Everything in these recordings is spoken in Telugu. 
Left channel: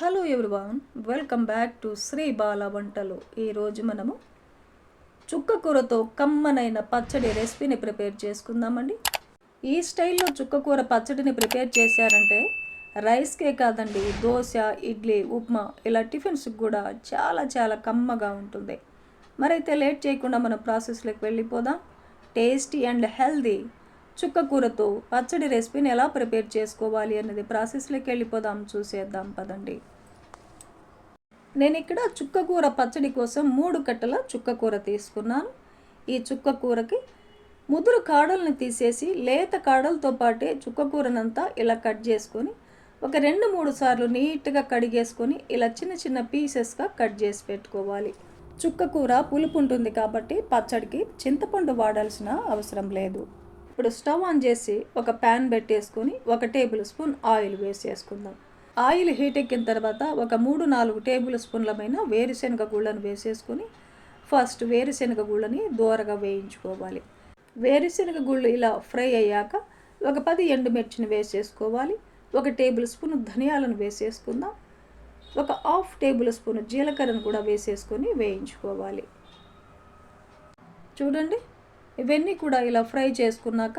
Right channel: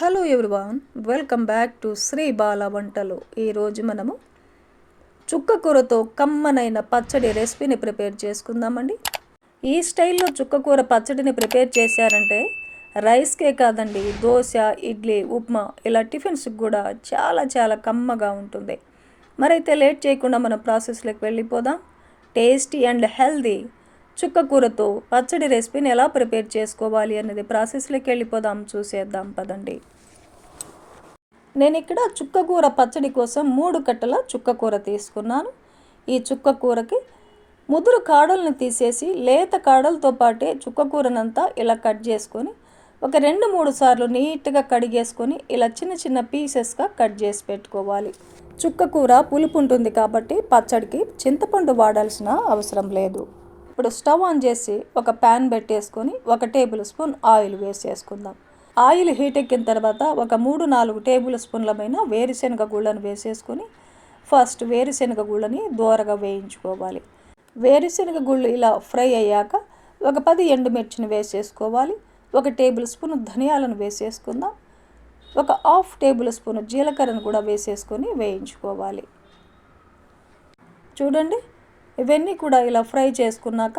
Hello everyone welcome back to Sri Bala వంటలు. ఈరోజు మనము చుక్క కూరతో కమ్మనైన పచ్చడి రెసిపీని ప్రిపేర్ చేసుకుందామండి. ఈ స్టైల్లో చుక్క కూర పచ్చడిని ప్రిపేర్ చేశారంటే రైస్కే కాదండి దోశ ఇడ్లీ ఉప్మా ఇలా టిఫిన్స్కి కూడా చాలా చాలా కమ్మగా ఉంటుంది. మరైతే లేట్ చేయకుండా మన ప్రాసెస్లోకి వెళ్ళిపోదాం. టేస్టీ అండ్ హెల్దీ చుక్క కూరతో పచ్చడి రెసిపీని ఎలా ప్రిపేర్ చేసుకోవాలి అనేది ప్రాసెస్లోకి వెళ్ళిపోదాం చూసేద్దాం పదండి. నేను ఇక్కడ చుక్క కూర పచ్చడి కోసం మూడు కట్టల చుక్క కూర తీసుకున్నాను. ఈ చుక్క కూరకి ముదురు కాడలను తీసేసి లేత కాడలతో పాటే చుక్క కూరనంతా ఇలా కట్ చేసుకొని ఒక రెండు మూడు సార్లు నీట్గా కడిగేసుకొని ఇలా చిన్న చిన్న పీసెస్గా కట్ చేసి పెట్టుకోవాలి. చుక్క కూర పులుపు ఉంటుంది కాబట్టి పచ్చడికి చింతపండు వాడాల్సిన అవసరం లేదు. ఇప్పుడు స్టవ్ ఆన్ చేసి ఒక ప్యాన్ పెట్టేసుకొని ఒక టేబుల్ స్పూన్ ఆయిల్ వేసేసుకుందాం. ఆయిల్ హీట్ ఎక్కిన తర్వాత ఒక మూడు నాలుగు టేబుల్ స్పూన్లమైన వేరుశనగ గుళ్ళను వేసేసుకొని ఫస్ట్ వేరుశనగ గుళ్ళని దూరగా వేయించుకోవాలి. వేరుశనగ గుళ్ళు ఇలా ఫ్రై అయ్యాక ఒక పది ఎండుమిర్చిని వేసేసుకోవాలి. ఒక టేబుల్ స్పూన్ ధనియాలను వేసేసుకుందాం. ఒక హాఫ్ టేబుల్ స్పూన్ జీలకర్రను కూడా వేసేసుకొని వేయించుకోవాలి. చూడండి ఇవన్నీ కూడా ఇలా ఫ్రై చేసుకున్నాక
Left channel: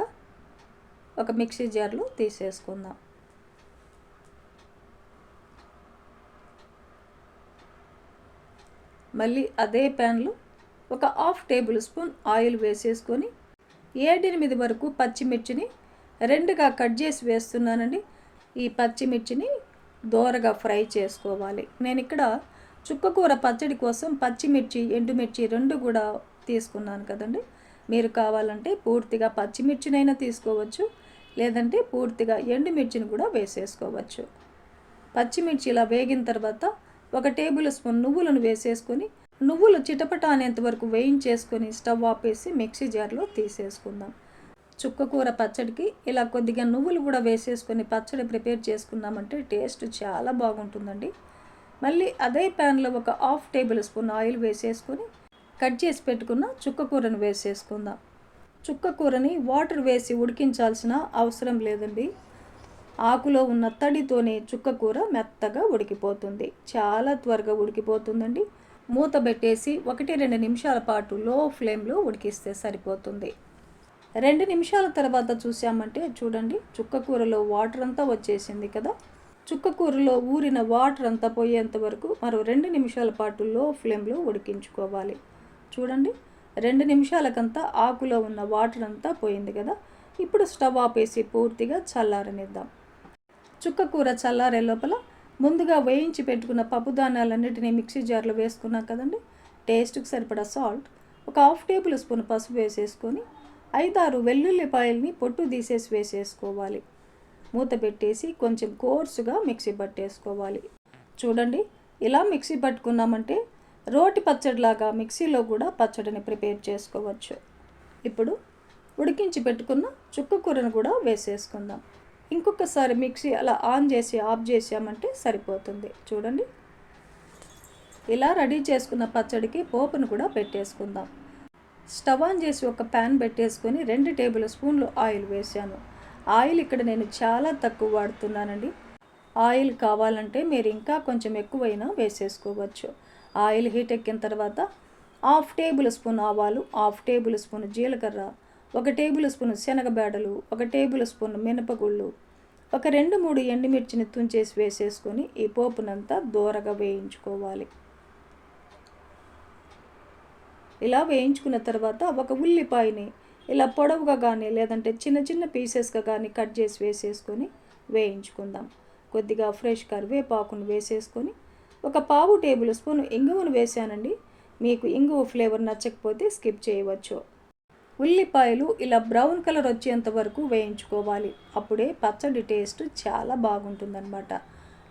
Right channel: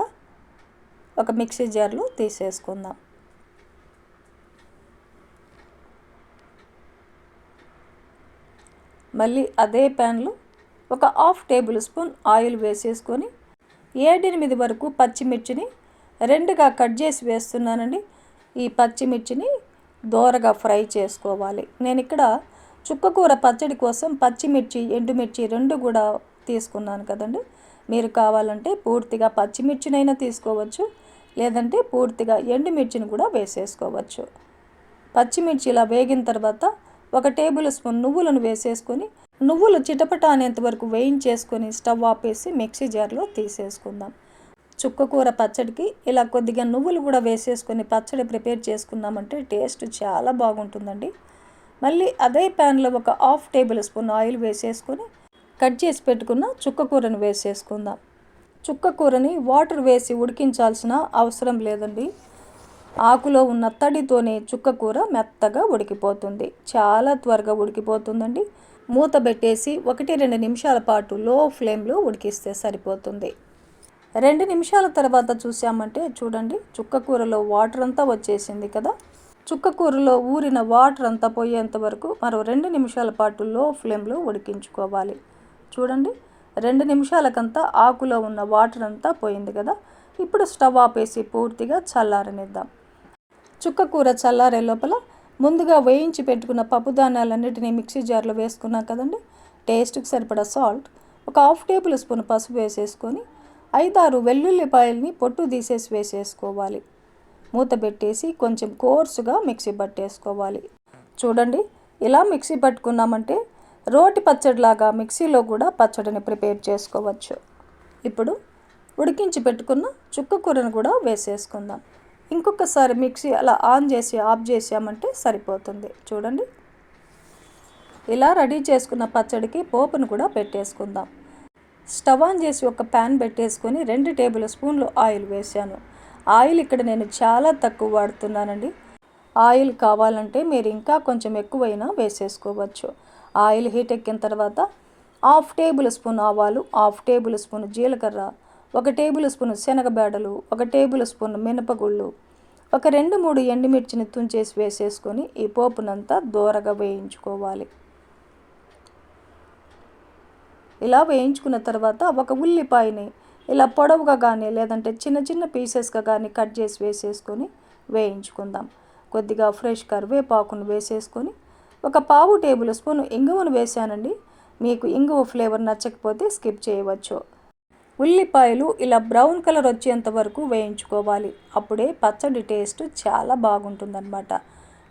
ఒక మిక్సీ జార్లో తీసేసుకుందాం. మళ్ళీ అదే ప్యాన్లో ఒక హాఫ్ టేబుల్ స్పూన్ ఆయిల్ వేసేసుకొని ఏడెనిమిది వరకు పచ్చిమిర్చిని రెండుగా కట్ చేసి వేస్తున్నానండి. ఈ పచ్చిమిర్చిని దోరగా ఫ్రై చేసుకోవాలి. నేను ఇక్కడ చుక్కకూర పచ్చడి కోసం పచ్చిమిర్చి ఎండుమిర్చి రెండు కూడా తీసుకున్నాను కదండి. మీరు కావాలంటే పూర్తిగా పచ్చిమిర్చినైనా తీసుకోవచ్చు లేదంటే పూర్తిగా ఎండుమిర్చిని కూడా వేసేసుకోవచ్చు. పచ్చిమిర్చి ఇలా వేగిన తర్వాత ఒక టేబుల్ స్పూన్ నువ్వులను వేసేసుకొని నువ్వులు చిటపట అనేంత వరకు వేయించేసుకొని స్టవ్ ఆపేసి మిక్సీ జార్లో తీసేసుకుందాం. చుక్కకూర పచ్చడికి ఇలా కొద్దిగా నువ్వులు కూడా వేసేసుకొని పచ్చడి ప్రిపేర్ చేసుకున్నామంటే టేస్ట్ చాలా బాగుంటుందండి. మళ్ళీ అదే ప్యాన్లో ఒక హాఫ్ టేబుల్ స్పూన్ ఆయిల్ వేసేసుకొని కట్ చేసి పెట్టుకున్న చుక్క కూరను వేసేసుకుందాం చుక్క కూరని వాటర్ వేసి ఉడికించాల్సిన అవసరం లేదండి. ఆకులో ఉన్న తడితోనే చుక్క కూర మెత్తగా ఉడికిపోతుంది. చాలా త్వరగా ఉడికిపోతుందండి. మూత పెట్టేసి ఒకటి రెండు నిమిషాల పాటు లో ఫ్లేమ్లో ఉడికిస్తే సరిపోతుంది. రెండు నిమిషాల తర్వాత చూసామంటే చూడండి చుక్క కూరలో వాటర్ అంతా వచ్చేసింది కదా. చుక్క కూరలో ఊరిన వాటర్ అంతా పోయేంత వరకు మరో రెండు నిమిషాల పాటు లో ఫ్లేమ్లో ఉడికించుకోవాలి. చూడండి. రెండు నిమిషాలకంతా ఆకులో ఉన్న వాటర్ అంతా పోయింది కదా. ఇప్పుడు స్టవ్ ఆపేసి పూర్తిగా చల్లారనిద్దాం. చుక్క కూర చల్లారే లోపల ముందుగా వేయించి పెట్టుకున్న పప్పు ధాన్యాలన్నిటినీ మిక్సీ జార్లో వేసుకున్నాం కదండి. టేస్ట్కి సరిపడా సాల్ట్ ఒక హాఫ్ టేబుల్ స్పూన్ పసుపు వేసేసుకొని ఐదారు వెల్లుల్లిపాయల్ని పొట్టు తీసేసి వేసేసుకోవాలి. మూత పెట్టేసి కొంచెం కోర్సుగా మిక్సీ పట్టేసుకోవాలి చూడండి ఇలా మిక్సీ పట్టుకున్నామంటే రోటి పచ్చడిలాగా మిక్సీలో కూడా పచ్చడిని ప్రిపేర్ చేసుకోవచ్చు. ఇప్పుడు ఉడికించి పెట్టుకున్న చుక్క కూరను కూడా వేసేసుకుందాం. ఇంకొకసారి మిక్సీ అలా ఆన్ చేసి ఆఫ్ చేసామంటే సరిపోతుంది. చూడండి. ఇలా రెడీ చేసుకున్న పచ్చడికి పోపును కూడా పెట్టేసుకుందాం. స్టవ్ ఆన్ చేసి ఒక ప్యాన్ పెట్టేసుకొని రెండు టేబుల్ స్పూన్లు ఆయిల్ వేసాను ఆయిల్ ఇక్కడ నేను చాలా తక్కువ వాడుతున్నానండి. ఆయిల్ కావాలంటే మీరు ఇంకా కొంచెం ఎక్కువైనా వేసేసుకోవచ్చు. ఆయిల్ హీట్ ఎక్కిన తర్వాత హాఫ్ టేబుల్ స్పూన్ ఆవాలు హాఫ్ టేబుల్ స్పూన్ జీలకర్ర ఒక టేబుల్ స్పూన్ శనగబేడలు ఒక టేబుల్ స్పూన్ మినపగుళ్ళు ఒక రెండు మూడు ఎండుమిర్చిని తుంచేసి వేసేసుకొని ఈ పోపునంతా దూరగా వేయించుకోవాలి. ఇలా వేయించుకున్న తర్వాత ఒక ఉల్లిపాయని ఇలా పొడవుగా కానీ లేదంటే చిన్న చిన్న పీసెస్గా కానీ కట్ చేసి వేసేసుకొని వేయించుకుందాం. కొద్దిగా ఫ్రెష్ కరివేపాకును వేసేసుకొని ఒక పావు టేబుల్ స్పూన్ ఇంగువను వేసానండి మీకు ఇంగువ ఫ్లేవర్ నచ్చకపోతే స్కిప్ చేయవచ్చు. ఉల్లిపాయలు ఇలా బ్రౌన్ కలర్ వచ్చేంత వరకు వేయించుకోవాలి. అప్పుడే పచ్చడి టేస్ట్ చాలా బాగుంటుందన్నమాట.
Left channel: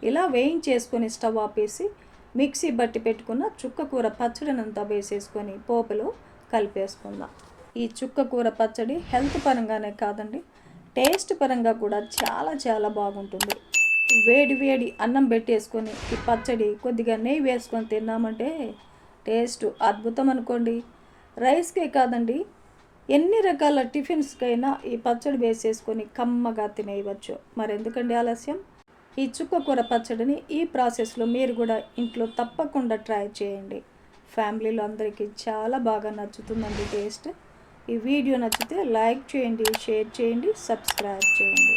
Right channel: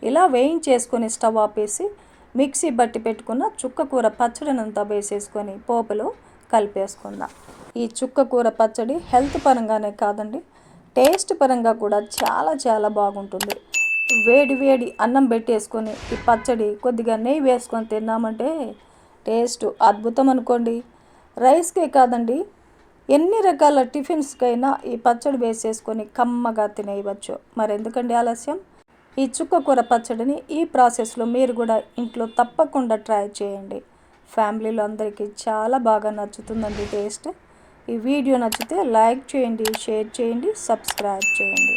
ఇలా వేయించేసుకొని స్టవ్ ఆపేసి మిక్సీ బట్టి పెట్టుకున్న చుక్క కూర పచ్చడినంతా వేసేసుకొని పోపులో కలిపేసుకుందాం. ఈ చుక్క కూర పచ్చడి హెల్త్ పరంగానే కాదండి టేస్ట్ పరంగా కూడా చాలా చాలా బాగుంటుంది. వేడి వేడి అన్నం పెట్టేసుకొని ఈ పచ్చడి కొద్దిగా నెయ్యి వేసుకొని తిన్నామంటే టేస్ట్ అద్భుతం అనుకోండి. రైస్కే కాదండి ఎన్ని రకాల టిఫిన్స్కైనా ఈ పచ్చడి వేసేసుకొని కమ్మగా తినేయవచ్చు. మరి ఎందుకండి ఆలస్యం? ఈ చుక్కకూర పచ్చడిని ఈ ప్రాసెస్లో మీరు కూడా ఇంట్లో తప్పకుండా ట్రై చేయండి. ఫ్యామిలీలో అందరికీ చాలా బాగా నచ్చుతుందండి టేస్ట్. ఈ వీడియో నచ్చితే లైక్ చేయండి షేర్ చేయండి సబ్స్క్రైబ్ చేయండి.